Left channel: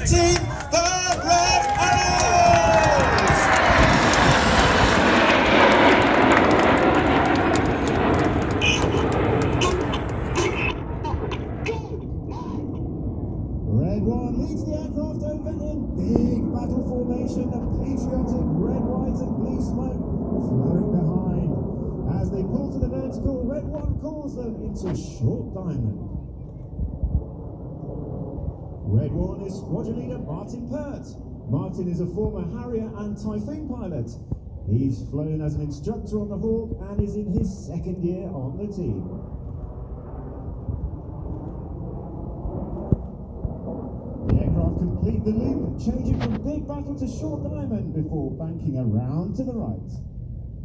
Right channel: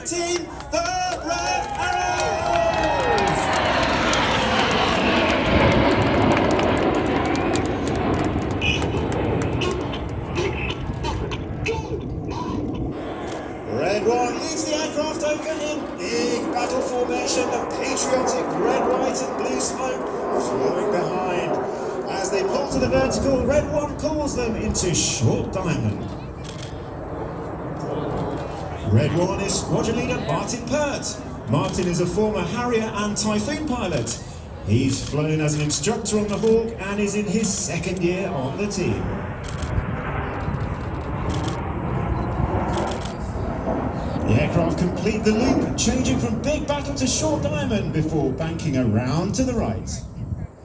white team, the Red Arrows! Red 1 leads the aircraft over in big battle formation, the patriotic red, white and blue smoke flowing behind. As they pull to the vertical, Red 1 calls them into short diamond. Red 1 is squadron leader Martin Pert. Martin is a former Harrier and Typhoon pilot. He's flown as an instructor on the Hawk and is in his second year on the team. The aircraft complete the loop, changing from big battle to short diamond before banking around to the right.